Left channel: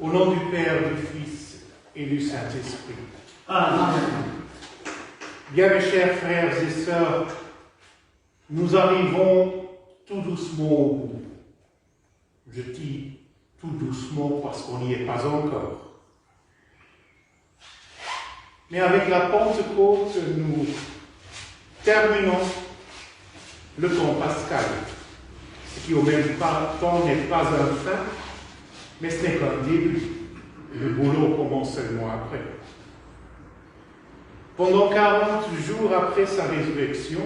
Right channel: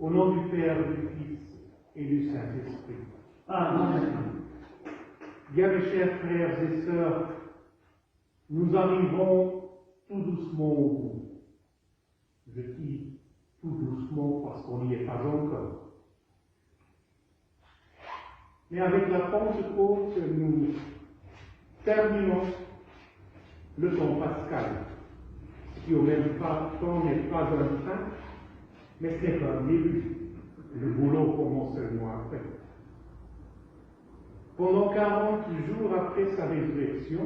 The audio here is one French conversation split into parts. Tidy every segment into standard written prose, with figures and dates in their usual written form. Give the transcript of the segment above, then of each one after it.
Au nom du Père, du Fils et du Saint-Esprit. Amen. Bien, mes chers frères et sœurs, nous arrivons tout doucement au bout. Je dis tout doucement parce qu'on n'y est pas encore. Mais avec la Pentecôte, nous terminons le temps pascal, ce qui au même temps n'est pas un fin, mais ce n'est qu'un début. Le boulot commence seulement après. Pendant 40 jours après sa résurrection,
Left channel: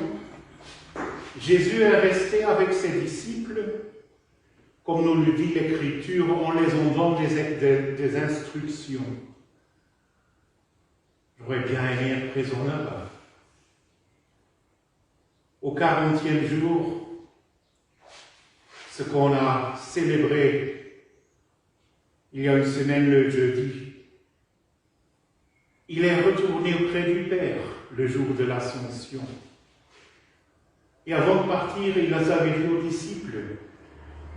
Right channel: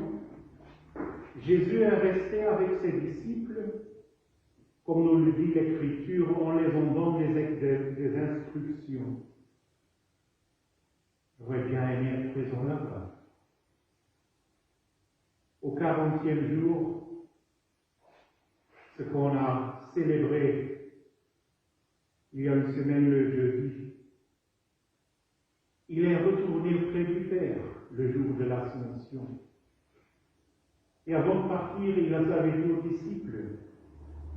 Jésus est resté avec ses disciples, comme nous le dit l'Écriture, en les donnant des instructions. J'aurais bien aimé être présent là-bas. Au 40e jour, ce qu'on a célébré il y a une semaine, le jeudi, il est retourné auprès du Père le jour de l'Ascension. Et avant de partir, il avait dit aux disciples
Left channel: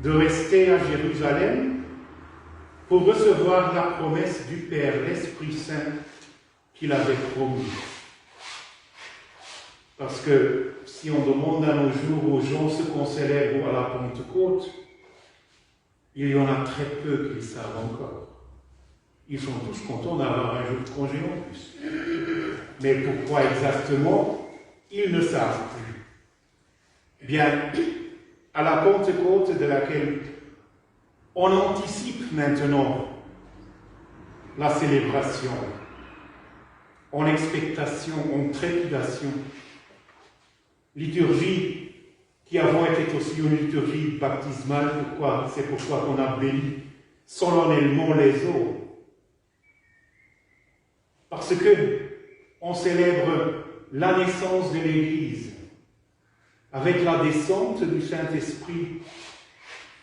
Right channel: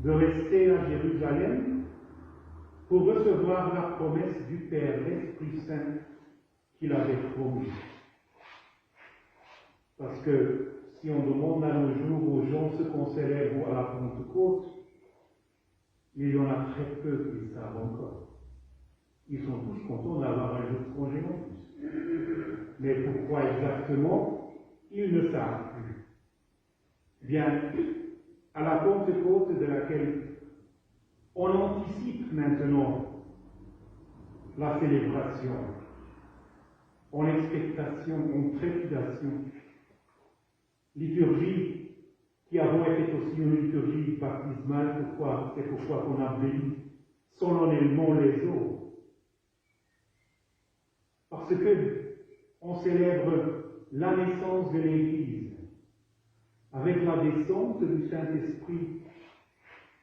de rester à Jérusalem pour recevoir la promesse du Père, l'Esprit Saint, qu'il avait promis. Parce que si on demande à nos jours aux gens ce qu'on célèbre à la Pentecôte, il y en a très peu qui le savent encore. Ils sont tous contents d'avoir un jour de congé en plus. Mais pourquoi exactement, ils ne savent plus. Bien, à la Pentecôte de laquelle on anticipe maintenant la célébration, en expectation, en trépidation, liturgie qui avant était aussi une liturgie baptismale, c'est pourquoi on a béni solennellement les eaux. Parce que on célèbre la naissance de l'Église. Avec la descente du Saint-Esprit,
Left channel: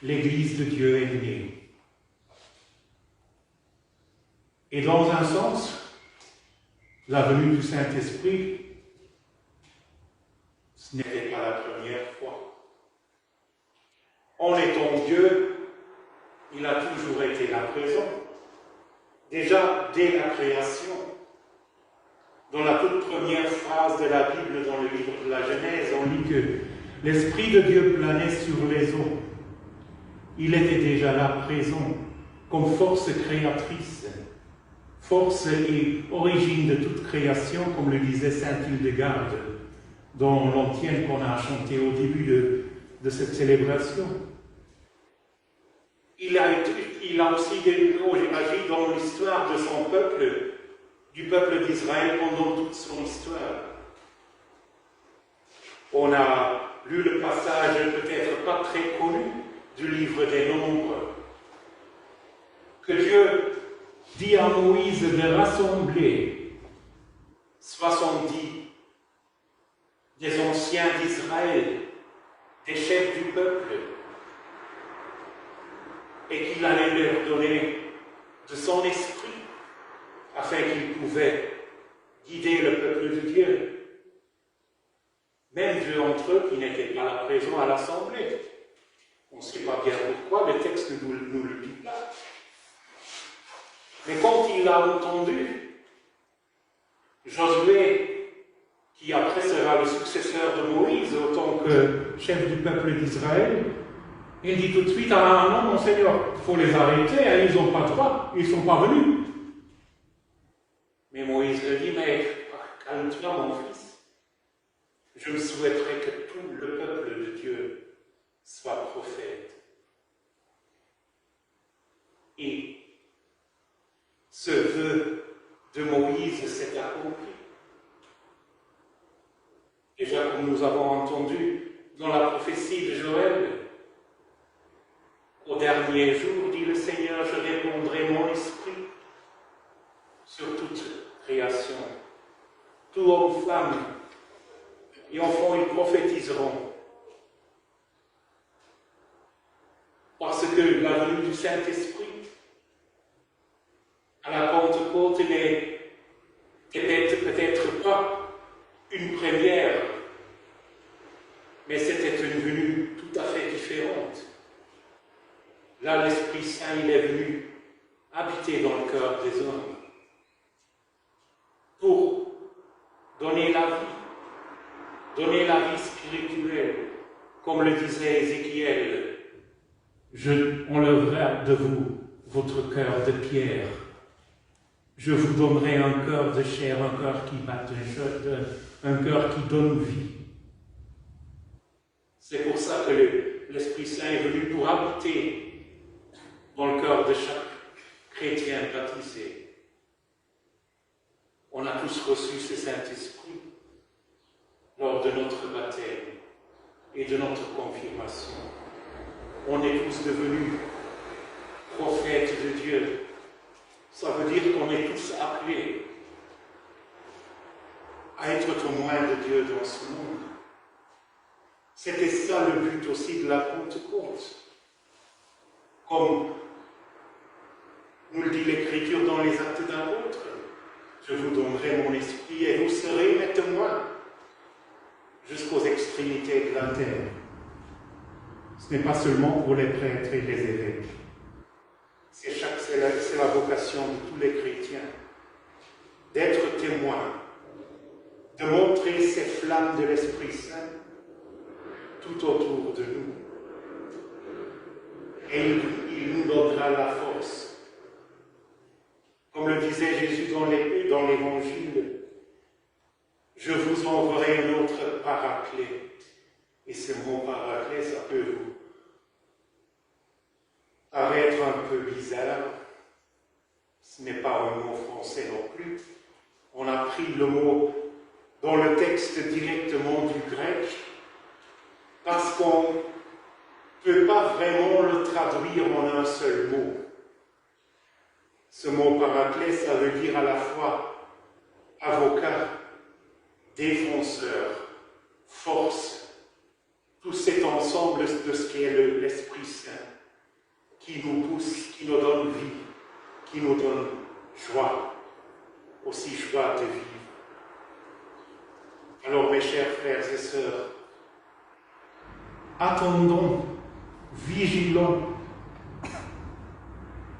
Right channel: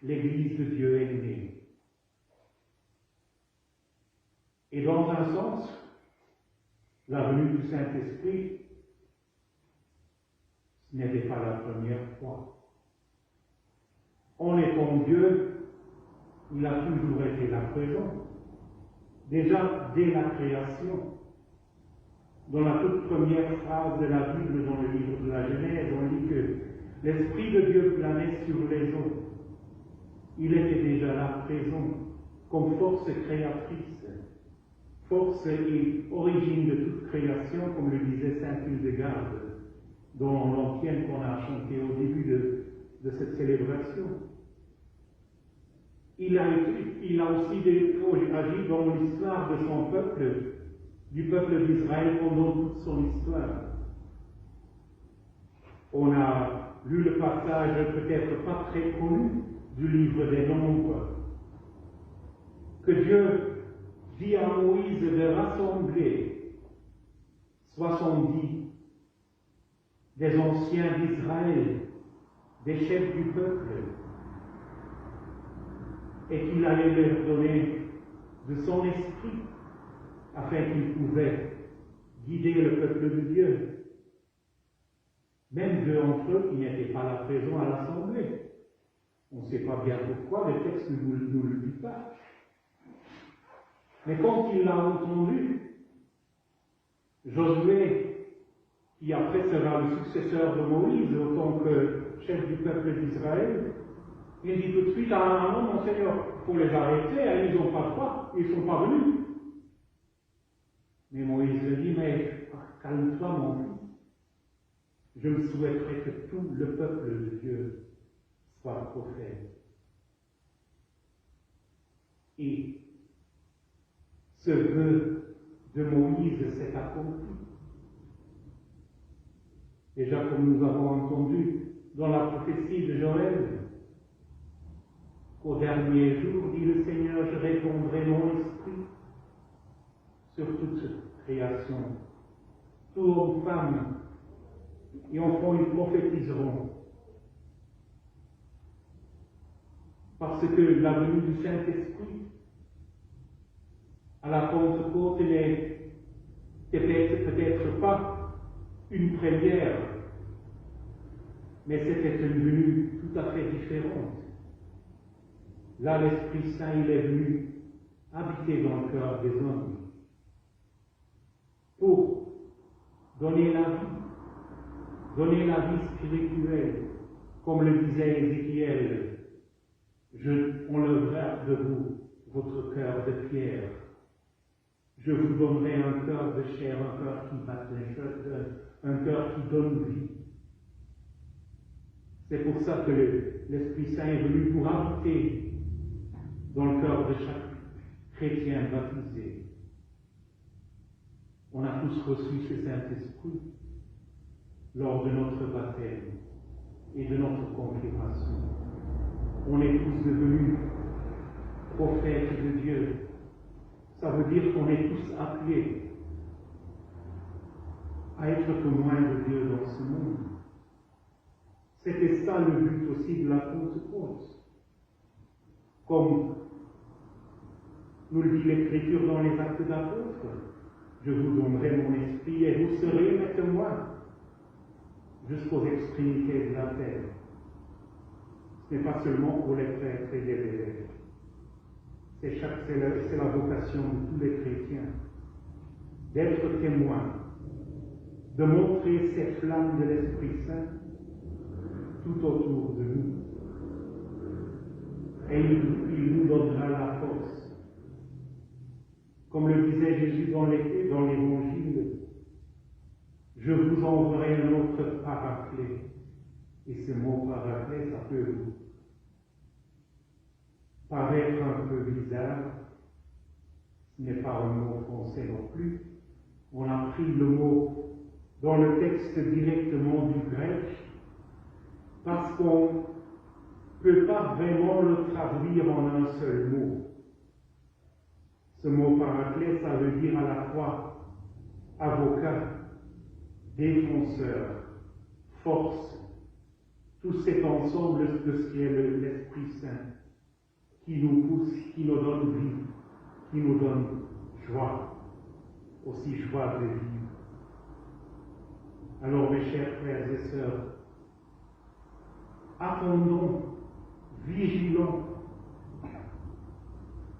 l'Église de Dieu est née. Et dans un sens, la venue du Saint-Esprit, ce n'était pas la première fois. En étant Dieu, il a toujours été là présent. Déjà dès la création, dans la toute première phrase de la Bible, dans le livre de la Genèse, on lit que l'Esprit de Dieu planait sur les eaux. Il était déjà là présent, comme force créatrice, force et origine de toute création, comme le disait saint Hildegarde dans l'antienne qu'on a chanté au début de cette célébration. Il a aussi agi dans l'histoire de son peuple, du peuple d'Israël pendant toute son histoire. On a lu le passage peut-être pas très connu du livre des Nombres, que Dieu dit à Moïse de rassembler 70 des anciens d'Israël, des chefs du peuple, et qu'il allait leur donner de son esprit, afin qu'ils pouvaient guider le peuple de Dieu. Même deux d'entre eux qui n'étaient pas là présents à l'Assemblée. On ne sait pas bien pourquoi, le texte ne nous le dit pas. Mais quand il l'a entendu, Josué, qui après sera le successeur de Moïse en tant que chef du peuple d'Israël, il dit tout de suite: ah non, mon Seigneur, il faut les arrêter, hein, ils n'ont pas droit, ils ne sont pas venus. Mais Moïse lui dit: mais calme-toi, mon fils. Je me souhaiterais que tout le peuple de Dieu soit prophète. Et ce vœu de Moïse s'est accompli. Déjà, comme nous avons entendu dans la prophétie de Joël, au dernier jour, dit le Seigneur, je répandrai mon esprit sur toute création, tout homme, femme et enfants, ils prophétiseront. Parce que la venue du Saint-Esprit à la Pentecôte n'est peut-être pas une première, mais c'était une venue tout à fait différente. Là, l'Esprit Saint, il est venu habiter dans le cœur des hommes pour donner la vie spirituelle, comme le disait Ézéchiel. Je enlèverai de vous votre cœur de pierre. Je vous donnerai un cœur de chair, un cœur qui bat, un cœur qui donne vie. C'est pour ça que l'Esprit Saint est venu pour habiter dans le cœur de chaque chrétien baptisé. On a tous reçu ce Saint-Esprit lors de notre baptême et de notre confirmation. On est tous devenus prophètes de Dieu. Ça veut dire qu'on est tous appelés à être témoins de Dieu dans ce monde. C'était ça le but aussi de la Pentecôte. Comme nous le dit l'Écriture dans les Actes d'Apôtres, je vous donnerai mon esprit et vous serez mes témoins jusqu'aux extrémités de la terre. Ce n'est pas seulement pour les prêtres et les évêques. C'est la vocation de tous les chrétiens d'être témoins, de montrer ces flammes de l'Esprit Saint tout autour de nous. Et il nous donnera la force. Comme le disait Jésus dans l'Évangile, je vous enverrai un autre paraclet. Et ce mot paraclet, ça peut vous paraître un peu bizarre. Ce n'est pas un mot français non plus. On a pris le mot dans le texte directement du grec parce qu'on ne peut pas vraiment le traduire en un seul mot. Ce mot paraclet, ça veut dire à la fois avocat, défenseur, force, tout cet ensemble de ce qu'est l'Esprit Saint qui nous pousse, qui nous donne vie, qui nous donne joie, aussi joie de vivre. Alors mes chers frères et sœurs, attendons, vigilons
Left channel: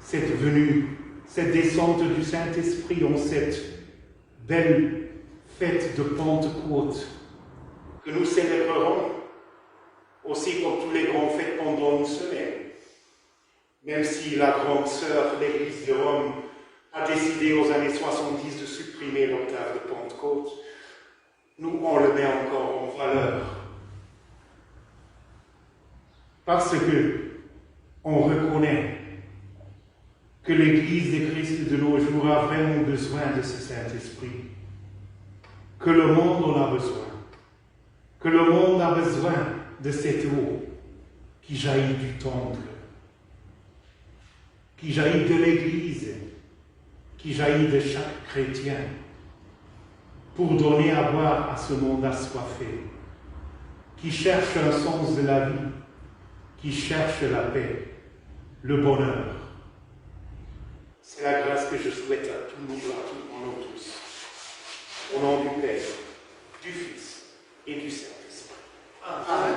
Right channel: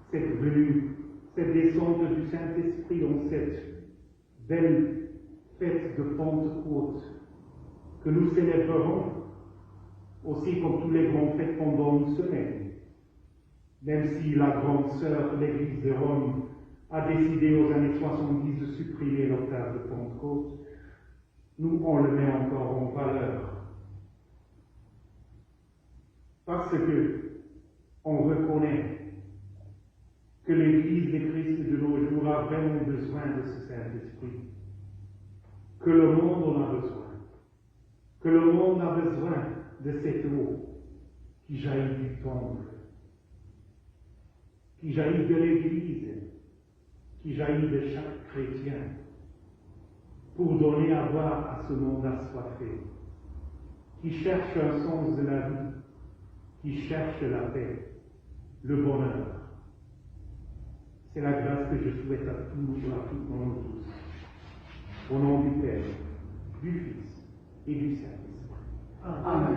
cette venue, cette descente du Saint-Esprit en cette belle fête de Pentecôte que nous célébrerons aussi comme tous les grands fêtes pendant une semaine. Même si la grande sœur, l'Église de Rome, a décidé aux années 70 de supprimer l'octave de Pentecôte, nous, on le met encore en valeur. Parce que on reconnaît que l'Église de Christ de nos jours a vraiment besoin de ce Saint-Esprit, que le monde en a besoin, que le monde a besoin de cette eau qui jaillit du temple, qui jaillit de l'Église, qui jaillit de chaque chrétien, pour donner à boire à ce monde assoiffé, qui cherche un sens de la vie, qui cherche la paix, le bonheur. C'est la grâce que je souhaite à tout le monde, nous tous. Au nom du Père, du Fils et du Saint-Esprit. Amen.